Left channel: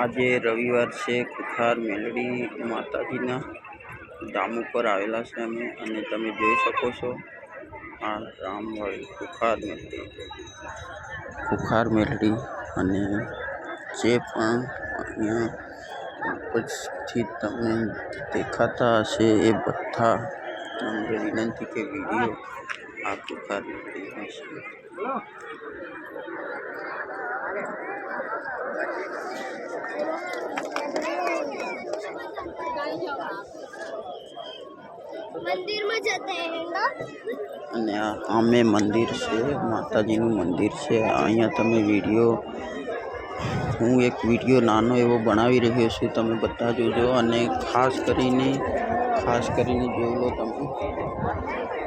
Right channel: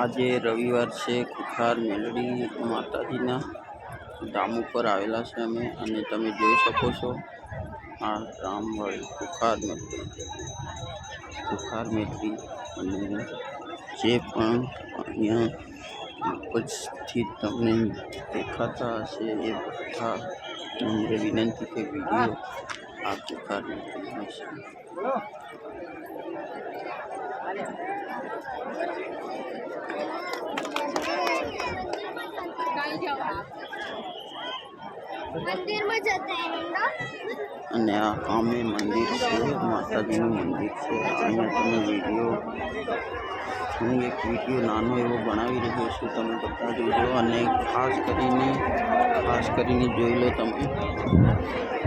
આજે રવિવાર છે, કુખાર મેલડી માતાજીના ધામ ઉપર આવેલા છે અમે અને તમે જોઈ શકો છો આ રામવાળી કુખાર મેલડી. કુખાર મેલડી અને જે પણ અહીંયા ઉપજથી તમને દેખાતા હશે એ બધા નમ્ર વિનંતી કે વીડિયો આ પ્રકારનું દેખાય છે અને આ આમે મંદિર છે માતાજીનું મંદિર છે. અહીંયા તમે વીડિયો હું એક વીડિયો નાનો એવો બનાવી રહ્યો છું તમે બધા જોજો. અને ખાસ કરીને ખાસ કરીને જોઈ લો તમે.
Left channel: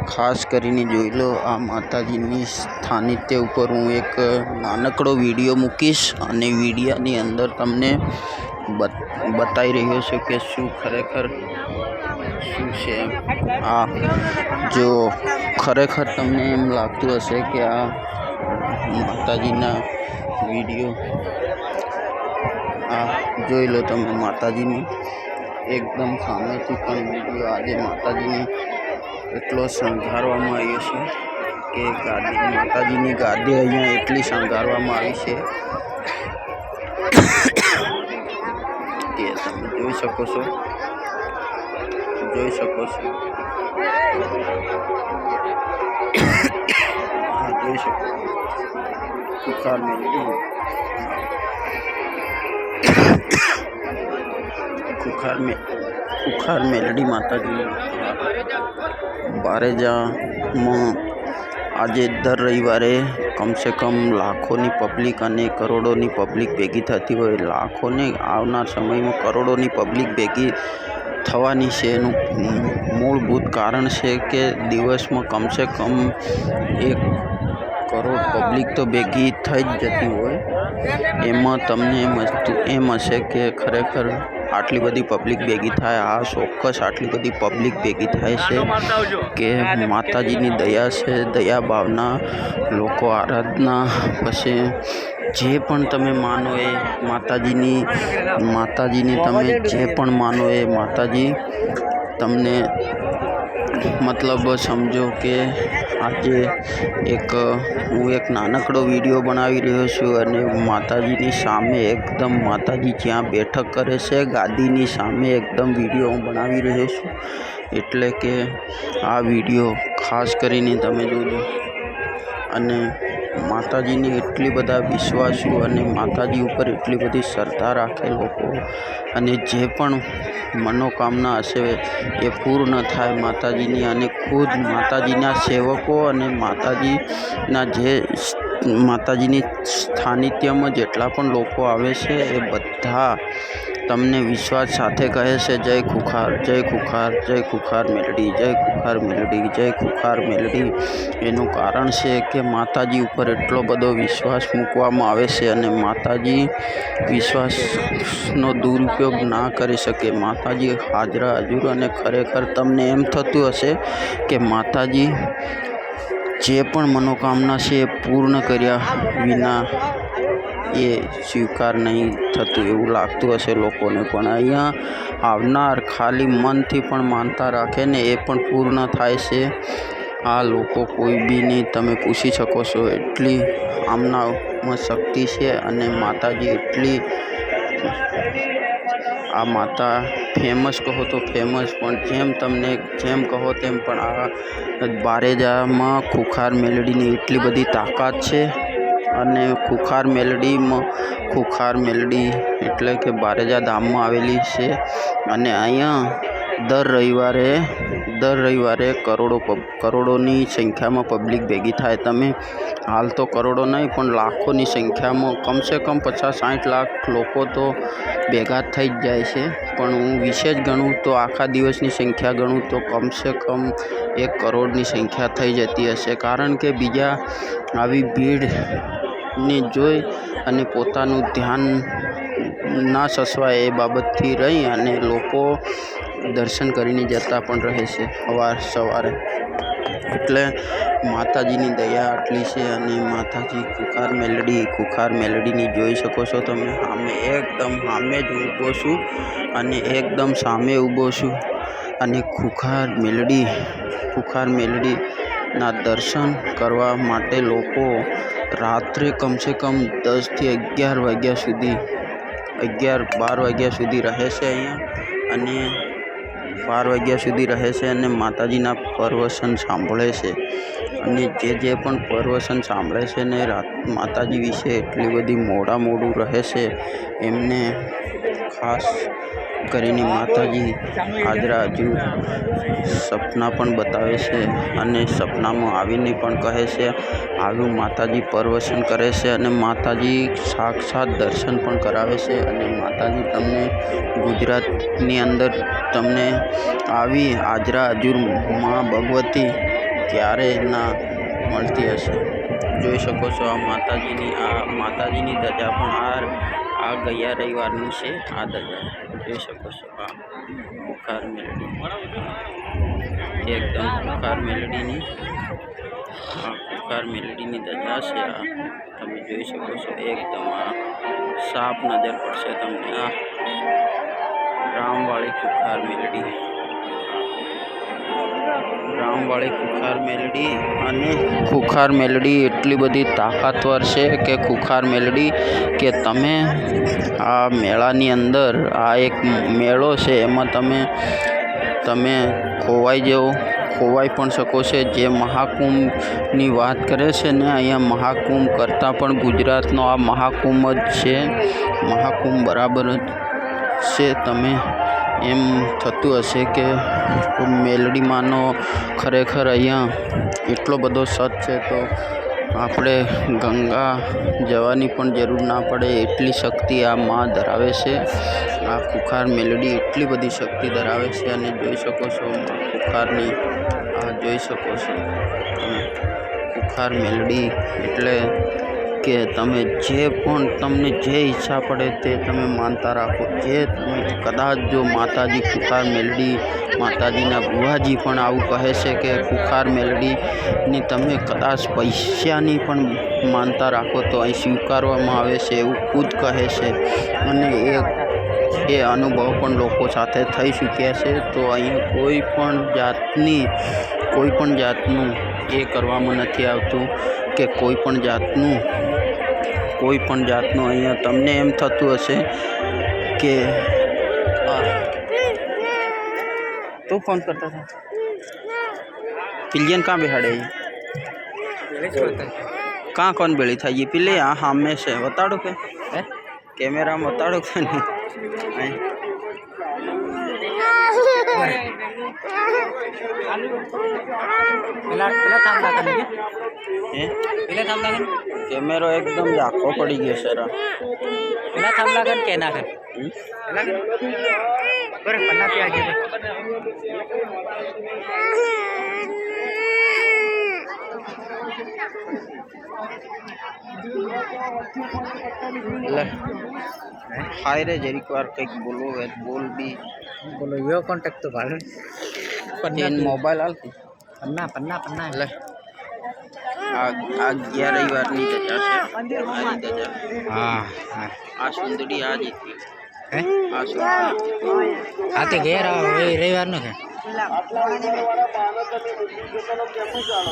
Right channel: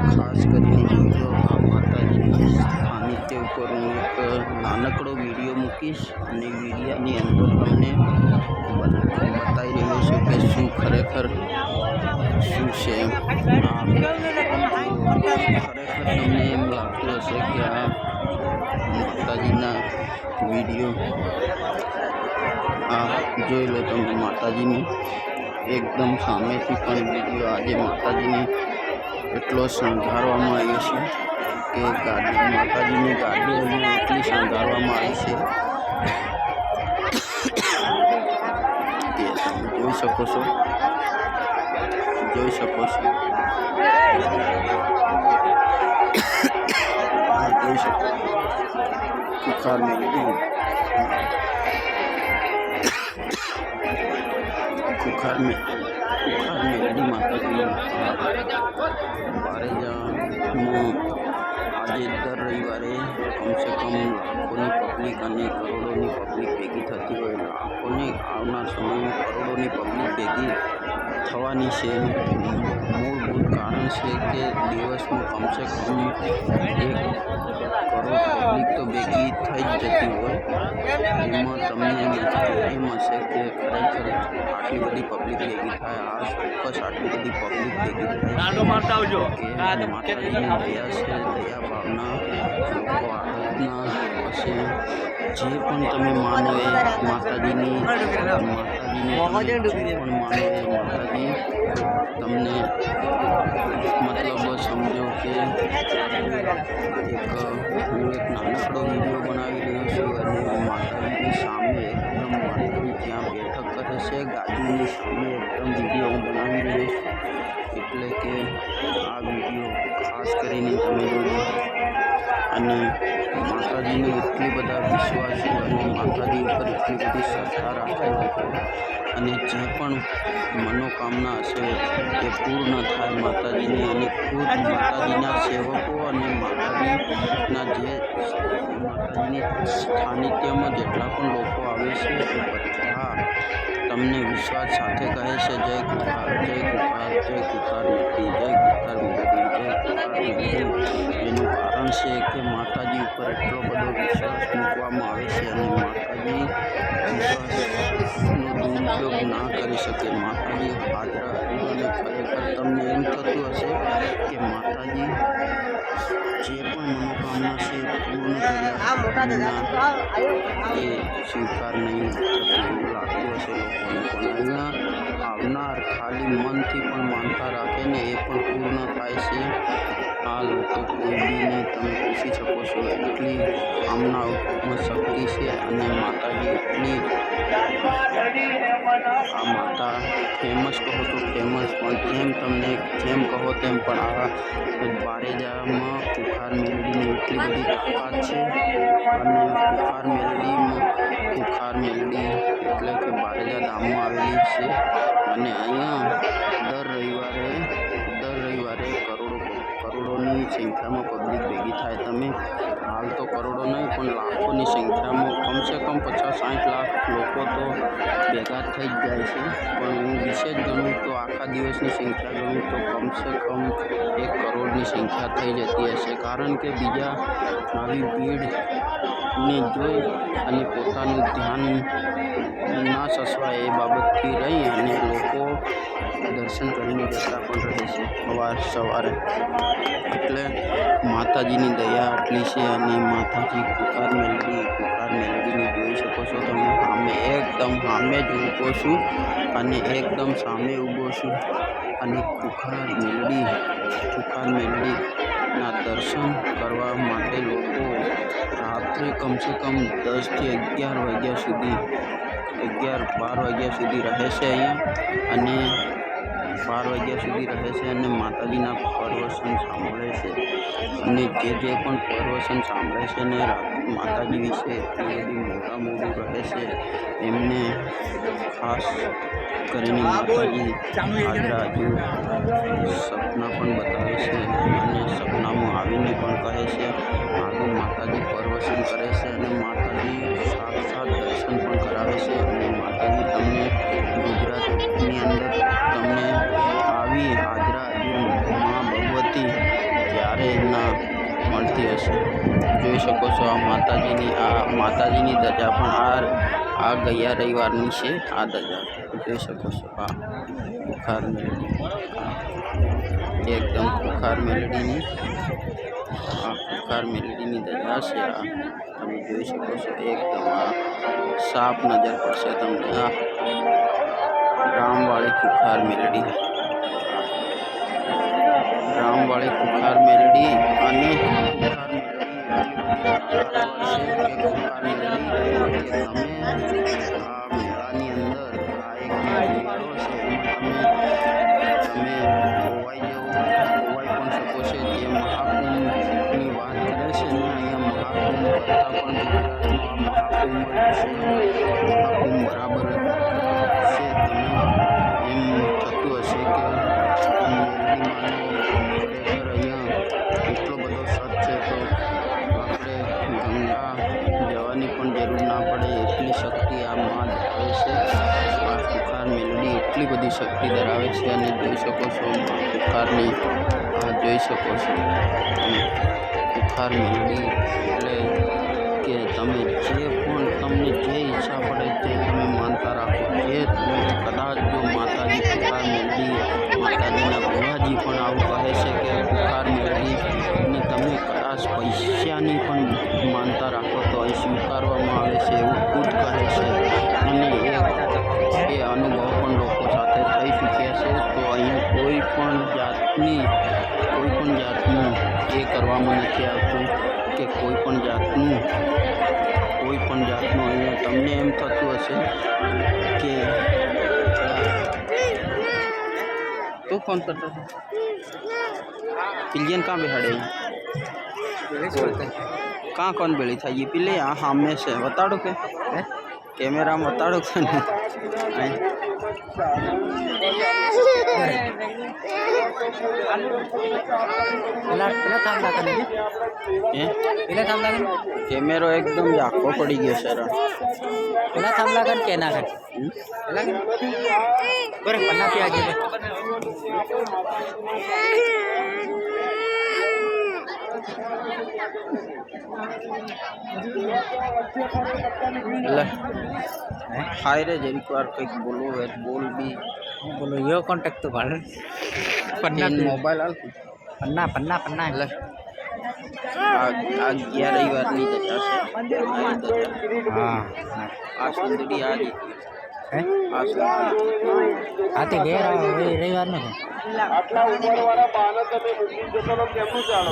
ખાસ કરીને જોઈ લો આ માતાજીની સ્થાનિત્ય ઉપર હું એક નાનકડો વીડિયો મૂકીશ અને વિડીયાની અંદર તમને બત- બતાવી રહ્યો છે કે શું ખરેખર, શું છે. આ જો ખરેખર તમને એમ લાગતું હશે કે આ માતાજીના વીડિયો, આ જોઈ લો તમે માતાજીની એકદમ સામેથી પણ વીડિયો આજે માતાજીને એટલો શણગારવામાં આવ્યો છે કે ગાદી માતાજીની ગાદી અહીંયા એટલી શણગારવામાં આવી છે કે તમે જોઈ શકો છો. જોઈ શકો છો. જોઈ શકો કુખાર મેલડી કુખાર મે કુખાર મેલડી માતાજી. બારેજામાં આજે દર રવિવારે કમસે કમ લાખોની પબ્લિક અને કરોડોની પબ્લિક ભેગી થતી હોય. લાખોની આવનાર સમયમાં કરોડોની પબ્લિક ભેગી થવાની છે એનું મૂળભૂત કારણ છે કે દિવસમાં કમસે કમ એક કરોડ પબ્લિક તો ભેગી થઈ જ જતી હોય. એમાં તમને એમ એમ હશે કે ખરેખર આટલી બધી પબ્લિક ભેગી થાય આ ચોક્કસ આટલી બધી પબ્લિક ભેગી થાય છે કે માતાજીની દયા છે દયા ભાવના લોકો આરાધના પછી જે પણ તમે માનો એ માતાજીની માતાજીને તમે જે પણ માનો એ માતાજી તમને મતલબ સમજો કે આજે એક, હું એક નાનકડો વીડિયો બનાવી રહ્યો છું અને માતાજીની સામે એકદમ માતાજી જ્યાં બેઠક કરે છે, ગાદીની સામે એકદમ વીડિયો હું બનાવી રહ્યો છું. એટલે કે આ વીડિયો ખાસ કરીને તમે જોજો. અને માતાજીની એટલી બધા વિશ્વાસુ અને માતાજી ઉપર એટલી બધી શ્રદ્ધા રાખે લોકો. અને જે પણ મનોકામના હશે એ પૂર્ણ થાય માતાજીની અને ખુદ માતાજીના સેવકો અને માતાજીના જે માતાજીની સ્થાનિત્યમાં જેટલા પણ લોકો આવે છે એ બધા તમને વિશ્વાસ સાથે કહે છે, જય ખુખાર જય ખુખાર જય ખુખાર મેલડી, જય ખુખાર મેલડી, જય ખુખાર મેલડી. એનું કારણ છે કે માતાજી ઉપર એટલો બધો વિશ્વાસ મૂકવામાં આવે છે અને માતાજી વિશ્વાસનો દુરુપયોગ ના કરી શકે. માતાજી હાજરા હજુર અને ખરેખર તમને એમ થતું હશે કે માતાજી જે પણ મનોકામના છે એ પૂર્ણ કર્યા વિના એ સ્વીકાર નહીં થતું એવું લાગતું હશે લોકોને. પણ અહીંયા આવનાર ખાલી મનથી પણ માનતા રાખે ને એ પણ પૂર્ણ થાય છે. આ લોકો કોઈ બી નહીં, તમે પૂછી શકો છો. એટલી આમનામાં શક્તિ છે અને માતાજી એટલી આ માતા ફેમસ કહો તો ફેમસ પણ જેમ તમને જેમ કહો તેમ પણ આ બારેજામાં ખુખાર મેલડીની એટલી બધી તાકાત છે અને ખુખાર મેલડીમાં ખુખાર મેલડી એટલે કે બારેજા ધામમાં આવેલી છે. અને અહીંયા દર રવિવારે દર રવિવારે કરોડો કરોડોની સંખ્યામાં પબ્લિક ભેગી થાય. તમે, હાલ તો કરોડો નહીં, પણ લાખોની સંખ્યામાં કમસે કમ પચાસ, સાઠ લાખ લોકો તો ભેગા થઈ જ જાય છે. પણ હું વિશેષ ગણું તો આખા દિવસની સંખ્યા ગણું તો કમસે કમ એક કરોડની સંખ્યા થઈ જતી હશે. કારણ કે બીજા આવી ભીડને જોઈ અને પોતાનું ધ્યાન ના સસવાય એ બાબતથી રહી અને લોકો દર્શન કરીને જતા પણ રહે છે સવાર સવારે. એટલે માતાજીની દયા આટલી છે અને માતાજી ખુખાર મેલડી ખુખાર મેલડીની જોઈ શકો છો તમે. સામે એકદમ સામે જ ઊભો છું અને એકદમ સામે ઊભો છું. અને ખુખાર મેલડી ખુખાર મેલડીના દર્શન કરવા માટે લોકો રાત્રે કમસે કમ દસથી અગિયાર વાગ્યા સુધી, અગિયાર બાર વાગ્યા સુધી રહે છે અહીંયા. અને બાર વાગ્યા સુધી રહે છે અને માતાજીના પ્રવચન સાંભળે છે. અને જે જે પણ પ્રવચન સાંભળે છે ને રાત માતાજી વિશે એટલી બધી મોડા મોડું રહે છે, એમને ખાસ કરીને માતાજી હાજરા હજુ સપના પણ બતાવે છે અને સપનામાં આવીને પણ કહે છે આવી માતાજી પ્રવચન કરે છે અને માતાજી સાક્ષાત દર્શન પણ કરાવે છે અને માતાજી તમને ગુજરાતની અંદર તમને આવી હાજરા હજુર મા ભગવતી ક્યારે ના મળતી હશે. જોઈ શકો છો આ માતાજીની આ માતાજીની ધજા પણ આ આ ગયા રવિવારની છે, આ ધજા. જોઈ શકો છો, આ બુખાર મેલડી. એકદમ બુખાર મેલડીની, આ બુખાર મેલડીની ધજા છે, આ તમે જોઈ શકો છો, એકદમ આ સાફ નજર પડશે તમને. આ રામવાળી કુખાર મેલડી. રામવાળી કુખાર મેલડી અને ખુખાર મેલડી એટલી બધી તાકાતવર છે કે ખુખાર મેલડી, કે તમે આ મેળાની અંદર આ એક મેળો છે એમાં તમે તમે ખોવાઈ જવો, ખોવાઈ પણ શકો છો. જે મહાકુંભની વાત કરે છે ને, અહીંયા મહાકુંભ કરતાં પણ ગુજરાતનો આ મહાકુંભ જ છે. મહાકુંભ બરાબર જ છે, તમે એમ થતું હશે કે મેલડીમાંનો ખરેખર અહીંયા એટલો બધો સત છે તો આપણે ગંગા જવાની પણ જરૂર ના પડે એટલી શક્તિ આ માં ધરાવે છે. આ કુખાર મેલડી એટલી બધી શક્તિ ધરાવે છે અને જોઈ શકો છો, મા કુખારની આ જોઈ શકો છો. કુખાર મેલડી એટલે કે તમે જે પણ તમને જે ઈચ્છા પડે તે તમે માનતા રાખો. જે કદાચ જો માતાજી ખુખાર મેલડી, માતાજીના ગુહાજી પણ આવું કહે છે કે કુખાર મેલડીની તમે કદાચ પૈસાની પણ માનતા રાખો તો અહીં સ્વીકારવામાં આવે છે એવું ખુદ કહે છે. અને એ એ અનુભવ પણ લોકો સાથે થઈ ચૂક્યા છે. તો અહીંયા કોઈ પણ જાતની, કોઈ પણ જાતનું એ કરવામાં નથી આવતું. કે કોઈ પણ જાતનું કોઈ પણ જાતનું અહીંયા તમને એમ થતું હશે કે આ तो फोन करता था पिलियन कहाँ बिहाड़े कहाँ कौन बेड़ी था ये पिले यहाँ सामने से बताड़ो के कैमरा में बताड़ो के नहीं કેમેરો એકદમ આખો પડી ગયો સર પેલા થાંભલા કર કે ના કર પેલા કર બરે પન્ના પી આગે હાય રે જરીક વાર કંઈક બોલવો હોય તો બોલ બી બોલો યો કોન્ટેક્ટ તો ભાડે પણ મોબાઈલ હાલતું પન્ના પન્ના પન્ના એટલે આ અગિયાર રવિવારની રજા છે હા હા આ સુંદરી આ જીતી હે આ સુંદરી હા તે ઘેર રવિવારનું છે આટલા ઉંમર વાળા બાળકોને મૂકી જતો કેમનું ચાલો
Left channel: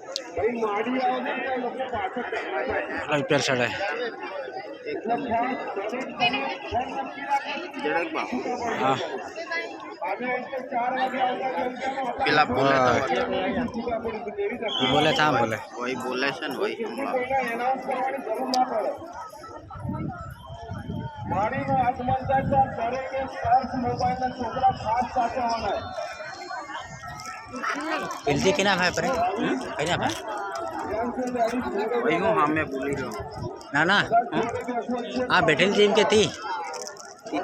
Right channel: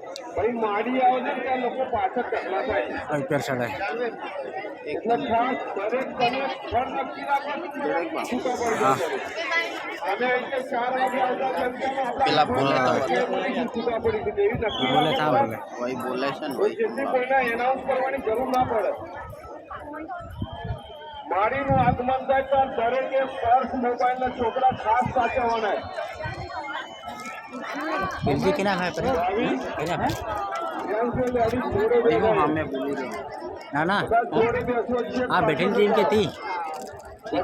જરાક બાપુ. હા. પેલા બોલે. તો ઈ બોલે થા બોલે. ભાઈ બોલે છે ને વહી માડીનું આગમન થાય તો દરેકે પર્સ મોબાઈલના છોકરા ખાસ સાચવવાના પેલથી કેના ભાઈ પરે કેના ભાઈ વહી હું સામે બોલી રહ્યો ના ના આ બેઠેલી ટીમ કે તી તે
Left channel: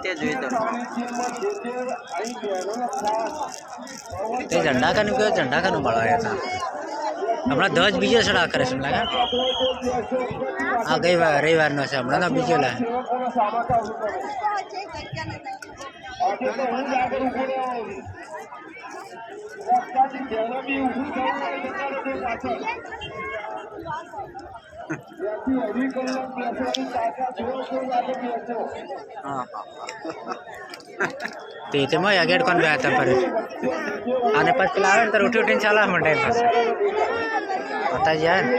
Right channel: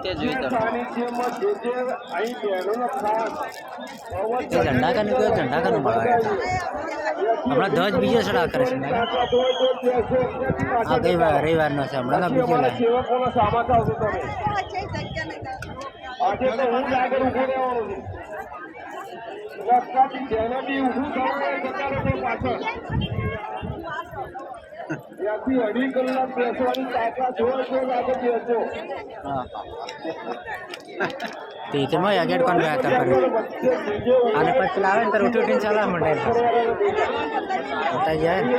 ઝંડા કાનું કયો ઝંડા કાનું મળવા હતા હમણાં ધ્વજ બીજો ચડા કરે છે લાગે આ ગઈ વાર રવિવારનો છે હમણાં બીજો લે હું ત્યાંથી અઢી કલાક બેસવાની તાકાત હોય તો આગળ બેસો. તે તેમાં આગળ કોણ બે હતા પર અને પછી પેલા આવે ને તો ઉઠી ઉઠીને ચાલવા માંડે પાસે બતા જાય ને.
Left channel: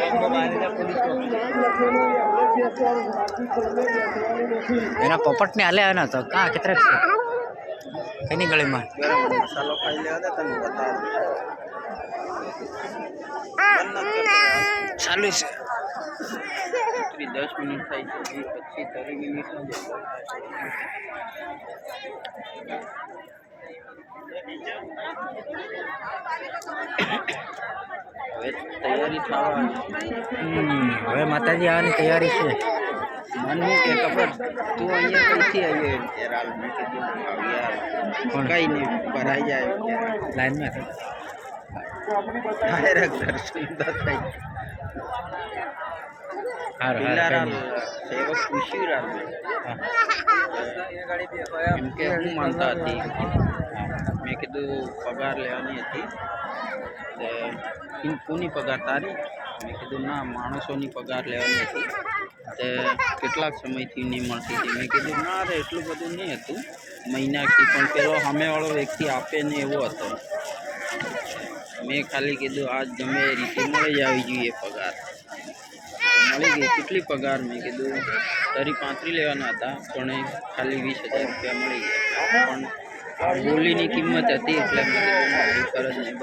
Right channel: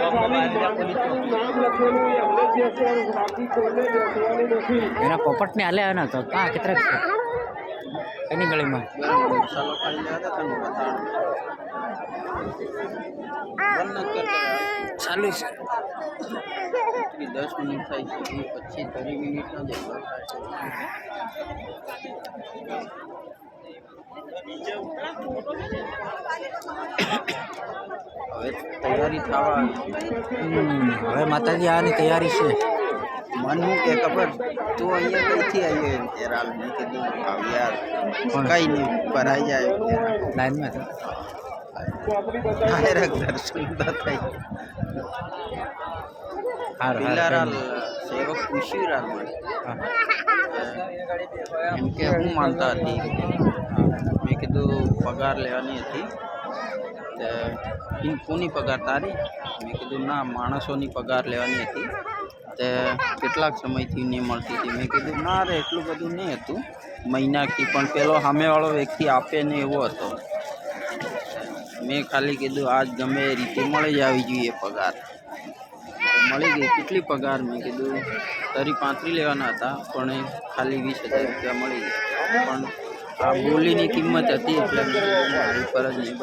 એના પોપટને હાલે આવે ને તો. કાં કેટલાક છે? એની ગળીમાં બરાબર મસાલો ખાઈ લેવા દે તમે બતાવો બંધ નથી કરતા ચાલુ છે ત્રીસ દસ મિનિટ થાય છે પછી ત્રીસ મિનિટનો જ એટલો થાય હવે તૈયારી થવા આવી. હમ, હવે માતાજી આવવાની તૈયારી છે મન હું કે ખબર તું અહીંયા કઈથી આવ્યો એમ કે રાલ મેં કીધું આવ યાર? કઈ નહીં ભરાઈ જાય લાઈનમાં. ડાયરેક્ટ દર્શન થઈ હારું સેવક રાલ કે હું માનતા હતી. મેં કીધું પગાર લેવાની હતી. કોની પગાર તારી? મેં કીધું ના માણસોની પગાર લેવાની હતી. તે કેટલાક સમયથી નહીં મળતી હતી. મેં કીધું, ના રે, એટલું બધું નહીં હતું. મહિનાથી પણ પેલો સામેવાળો વ્યક્તિ આપે નહીં એવો હતો. મેં ખાલી કીધું આજ ગમે એ રીતે મળી જ આવી જોઈએ પગાર. મળી ગઈ કેટલી પગાર? મેં કીધું, તરી પાંત્રી લેવાના હતા, પણ ખાલી વીસ હજાર રૂપિયા મળી ગયા. પણ આ બોલીની કિંમત હતી એટલે ફરજ નહીં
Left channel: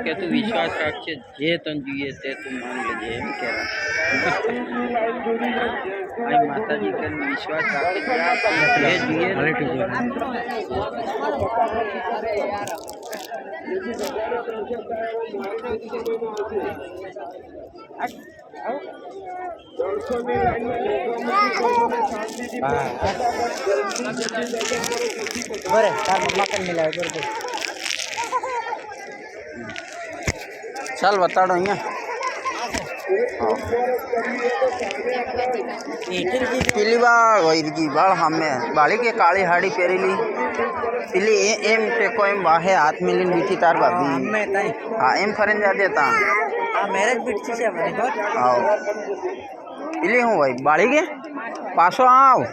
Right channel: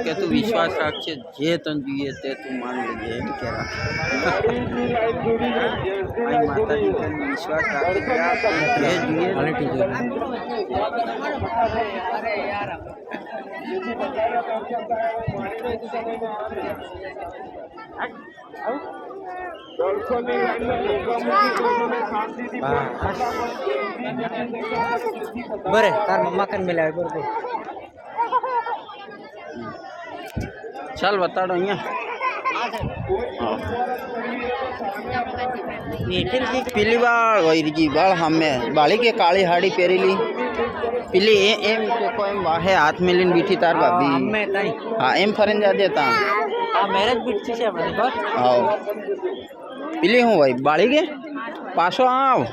કે તું વિશ્વાસ રાખશે જે તને જોઈએ તે તું માન લેજે એમ કહેવા. માતાજી તને વિશ્વાસ રાખજે જે જોઈએ ક્વોલિટી જોઈએ દર્શનની લાઈનમાં લોકોમાં લોકોને શાંતિથી હા બરે તાર મમ્મા પણ મિલાવે બરોબર ચાલ બતાડો અહીંયા પેલી પેલી એ- એમ ટેકો એમ વાહે હાથ મેલીને બીઠી તાર ભાભી. અમે તાઈ. હા એમ ફરીને જા દેતા. આ મેરેજ બીટ છે આપણી બસ. હાવ પેલી શું હોય બાળી કે? પાછો આવ.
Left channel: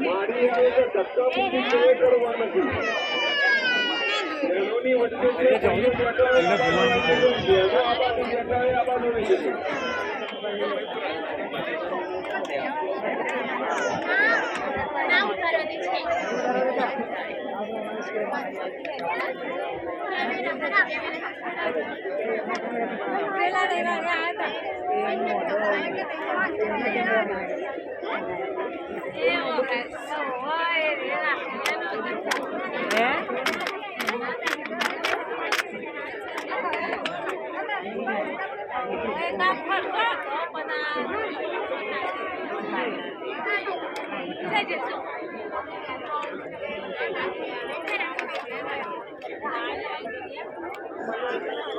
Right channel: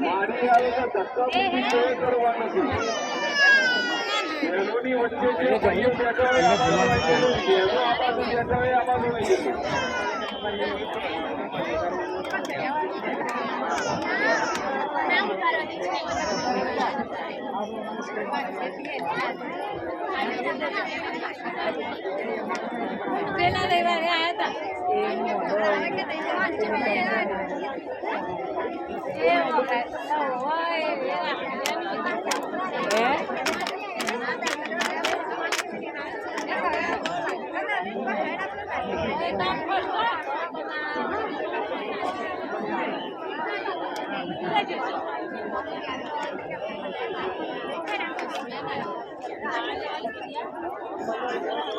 મારી આવે તો ધક્કા મુક્કી કોઈ કરવા નથી પેલા રવિવારે આવ્યા હતા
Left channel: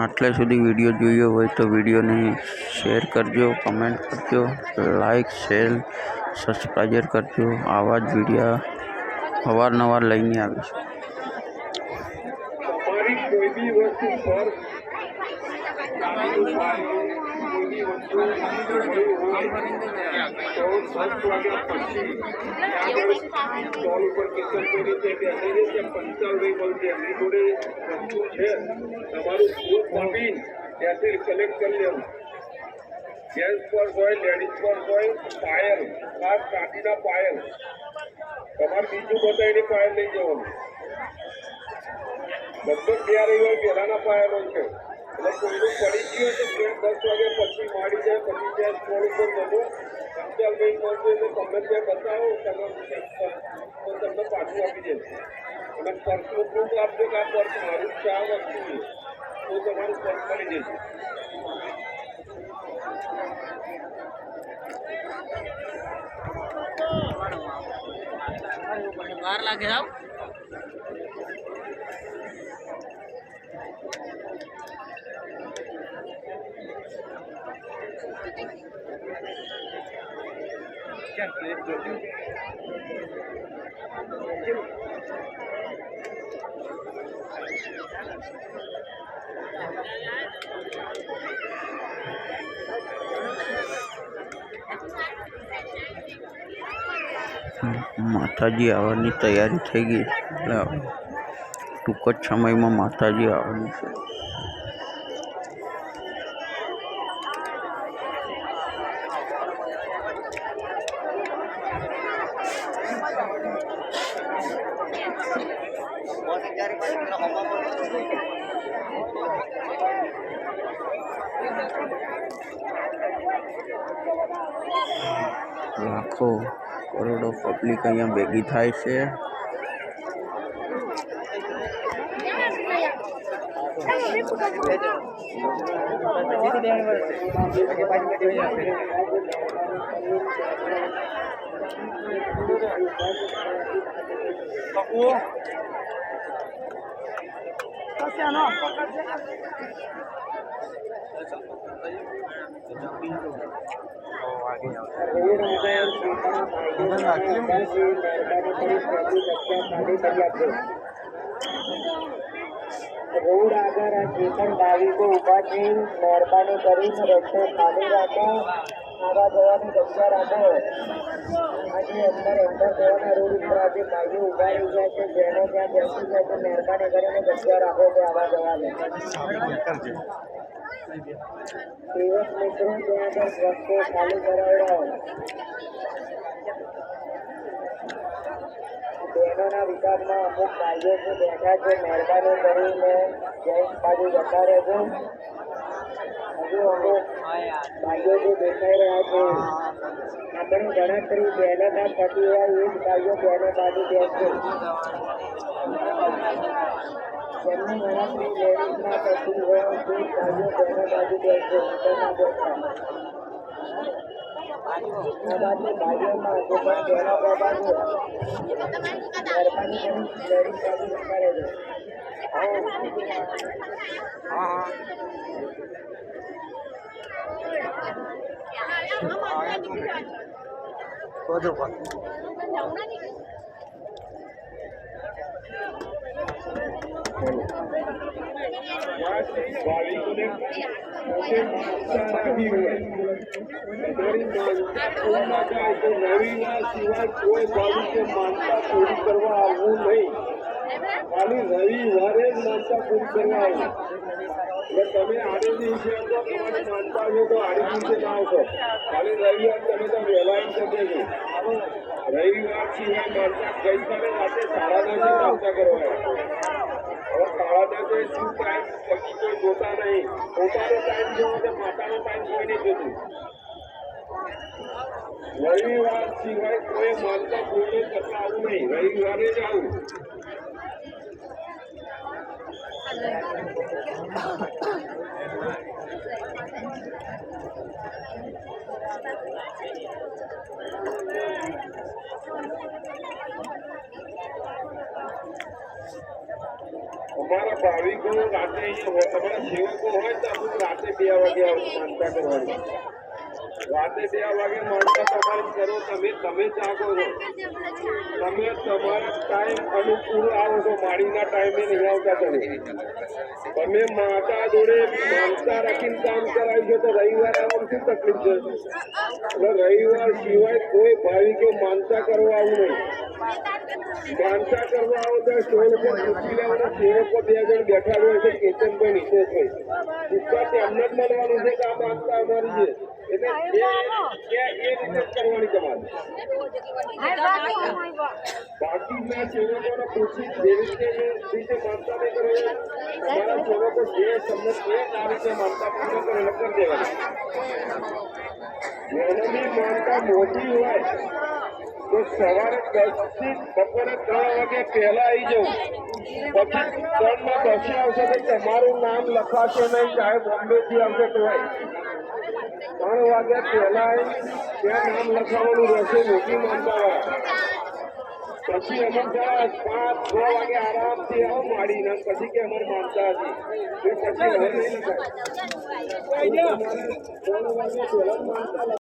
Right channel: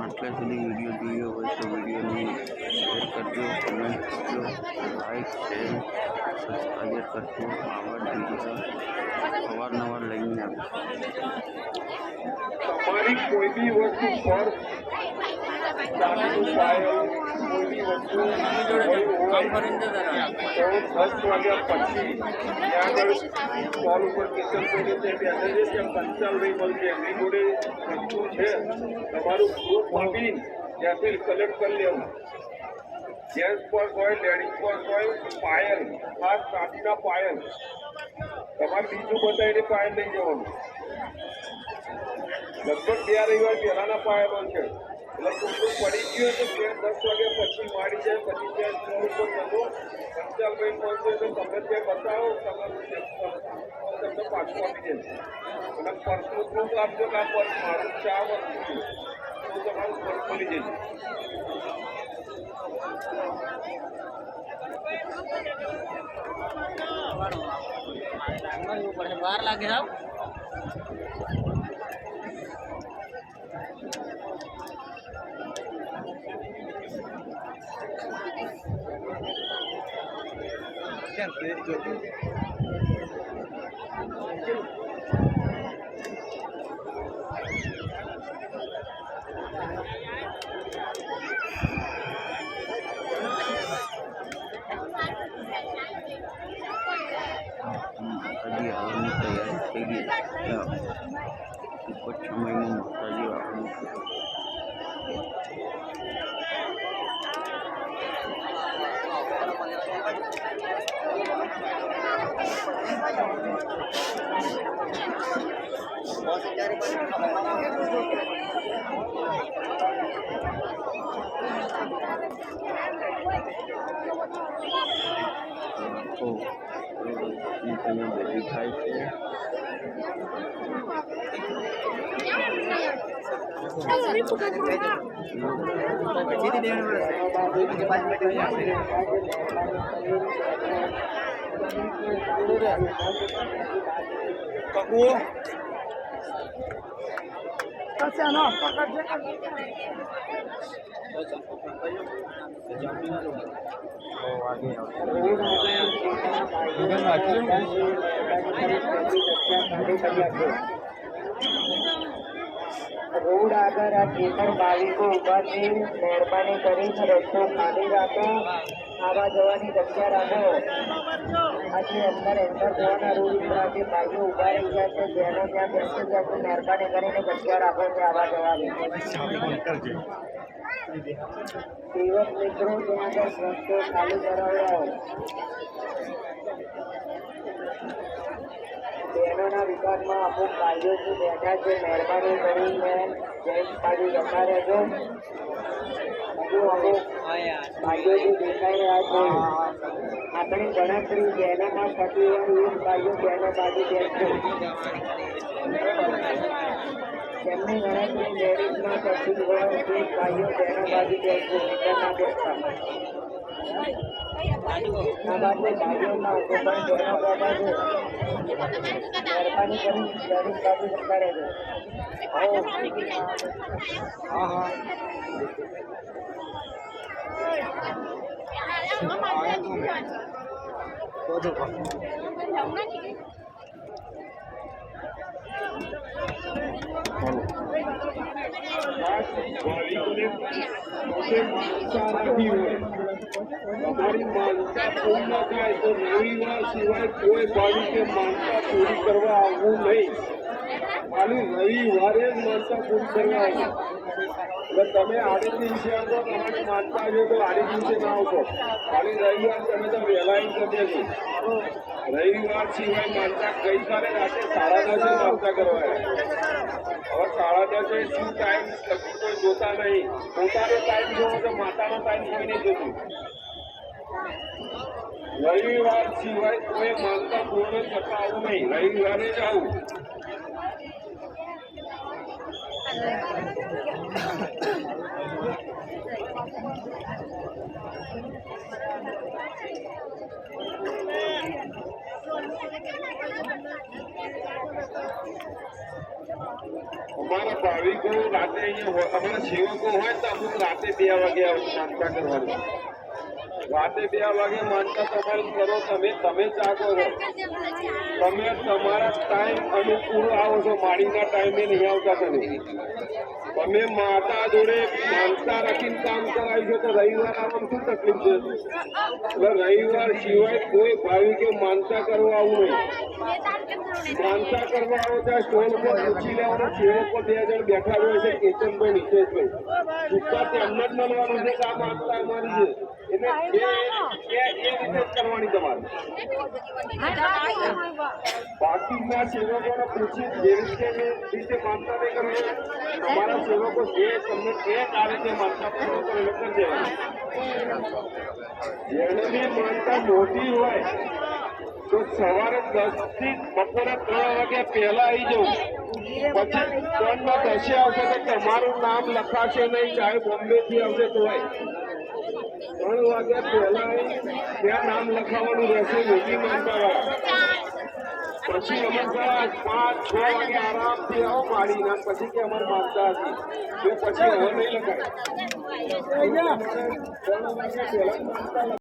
આટલે સુધી વીડિયો જોયો હોય તો વિડીયોને શેર કરજો કમેન્ટ કરજો લાઈક શેર સબસ્ક્રાઈબર કરજો. આવા જ વિડીયા અવારનવાર લઈને આવીશું કોઈ બી વસ્તુ પર કોઈ બી વસ્તુ પછી સ્ટોલ ઉપર કિચન કરી છે કે અત્યારે જે એમની જોડે વસ્તુ છે તમારું ફૂડ મોકલી ત્યાંથી કલેક્ટ કરી લેવું જેન્ટ્સ હોય લેડીઝ પર હોય પાયલ ખાસ કાઢીના પાયલ તમારે બીજું બતાવીને પાયલ લઈ જવાનું. લગભગ બે રવિવાર પહેલાના પાયેલો છે. એટલે કોઈનું પડી ગયું તો ટ્રેન દસ વાગ્યા પછી માડી જાય, પછી ત્યાં ફોન ઉપર જતો. પંચાલભાઈ પહોંચે તો તમને ત્યાં બતાવો તમે તમને પાછું આપી દેશે અને પર્સનું પ્રૂફ આપજો કે આ પર્સ મારું ચા વસ્તુ તો તમારું પર્સ મળી જશે વાર લાગે સાહેબ માતાજી આવવાની તૈયારી થઈ ગઈ. ટૂંક જ સમયમાં માતાજી આવવાનું છે લાખો કરોડો પબ્લિક અહીંયા ભેગી થાય છે રોડ આગળ આ જે પણ ભાવિકો ઊભા છે મહેરબાની કરીને રસ્તો ખાલી રાખો આવા જવાની જગ્યા રાખો આજે અંદર એન્ટર થવાના રોડ ઉપર આજે ભાઈઓ ઊભા રહી ગયા છે જેને ત્યાં બેસી ગયા છે મહેરબાની કરીને જગ્યા રાખો છે આવા જવાની બહેનોના વિભાગમાં અમુક ભાઈઓ જે બેઠા છે મહેરબાની કરીને જેન્ટ્સ બાજુ જતા રહેજો હજુ અમુક ભાઈઓ જે દેખાઈ રહ્યા છે આપણી ગણતરી બહેનોના થતી હોય એ જ ભાઈઓ બહેનો બાજુ બેસશે જેમની ગણતરી લેડીઝમાં થતી હોય તે જ ભાઈઓ બહેનો બાજુ બેસશે નીચેના બેસતા આ બાજુ ભાઈઓમાં જે પણ બહેનો બેઠા છે મહેરબાની કરીને લેડીઝ બાજુ જતા રહેજો તમારી માનતા પૂર્ણ થાય તો રવિવાર સિવાય કોઈ ભાવિકે માનતા પૂરી કરવા આવવું નહીં ખાલી રવિવારે જ માનતા પૂરી કરવા આવવું એટલે તમે આડે દિવસે આવશો તમારી માનતા હોય તો આડે દિવસે ના આવશો ખાલી રવિવાર તમે તો વહેલા એમ કરી દેજો રવિવાર સિવાય માનતા ગઈકાલે રાતે સાડા દસે માનતા કરવા હવે સાડા દસે શું ટાઈમ લખી કોઈ જોતા નહીં. પોતાનો ટાઈમ જોવો તો માતાનો ટાઈમ જોઈને જોતું. રવિવાર સિવાય કોઈ માનતા પૂર્ણ થતા આવું નહીં. રવિવારે જ આવું. અમારા ભાવિકો રાતે અહીંયા હોય અમારા સેવકો હોય તો અમુક રાતે બે વાગે આવે માનતા કરવાની રાતે બે વાગે માનતા તમારી કરો, તમે તમે જાગો છો. તમે તમારા ટાઈમ અનુકૂળ આવો છો માળીના ટાઈમે નહીં આવતા તમે. તમે માતા જોડે માનતા રાખીને કામ કરાવી છે તો રવિવાર આવવામાં શું તકલીફ છે? એટલે રવિવાર સિવાય કોઈ ભાવિકે માનતા કરવા આવું નહીં. માનતા કરવા આવો ત્યાં સ્ટોલ ઉપર પૂછી લેવાના, સેવકો બે જણ બેઠા હોય છે, કેતનભાઈ, નિશેષભાઈ. સિક્કા તેમને જ મળવાનું છે કે આ માનતા અમારી છે. બાકીના સેવકોને પૂછી માનતા કરવી તમારા સેવકો તમને જે તારીખે માનતા પૂર્ણ કરે કરી જેને બી માનતા મોટી હોય તો સવારે દસથી બપોરે ત્રણ વાગે પહેલા આવી જવું પછી ત્રણ ના દસે આવશે તો તમારું નામ લખાશે નહીં, ચાહે બોમ્બે થી આવશે તોય ત્રણ વાગ્યા પહેલા ત્યાં નામ લખાવવાનું રહેશે મોટી માનતા પછી અમર પાંચ પાંચ, છ વાગે આરામથી આવો માડી ને પછી કે અમારે માનતા હતી. તો પછી હવે નહીં લખાય.